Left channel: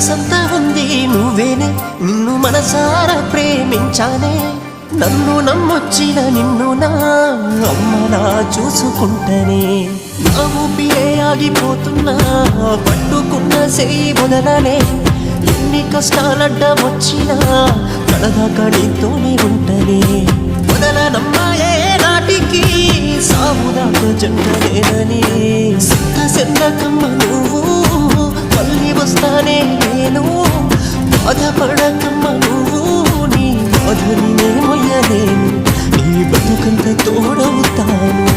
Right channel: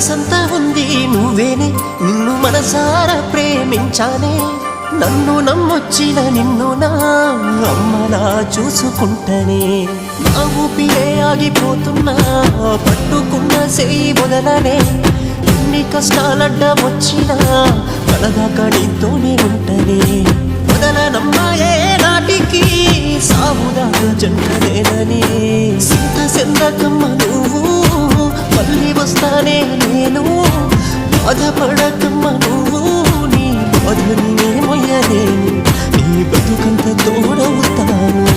మనసంతా ఉంది నువ్వేనే, నిన్ను మనసారా ప్రేమించానే. నన్ను నమ్మొచ్చిన నిన్ను నా అమ్మలా చూసుకుంటనే. నా ఊపిరే ఆగిపోతున్నా, పట్టుకున్న సేయి వదలనే. ఎన్ని కష్టాలడ్డ వచ్చినా కడదాకా నీతోనే ఉంటనే. వదలనమ్మాయే నాటికి సావుదాకా జంటనేనని. సింత సెందకమ్మ నువ్వు, మళ్ళీ వస్తానే నేను. బాధపడకమ్మ నువ్వు, నీ బాధని నే మొయ్యలేను. నీ బతుకంత తోడవుతాను.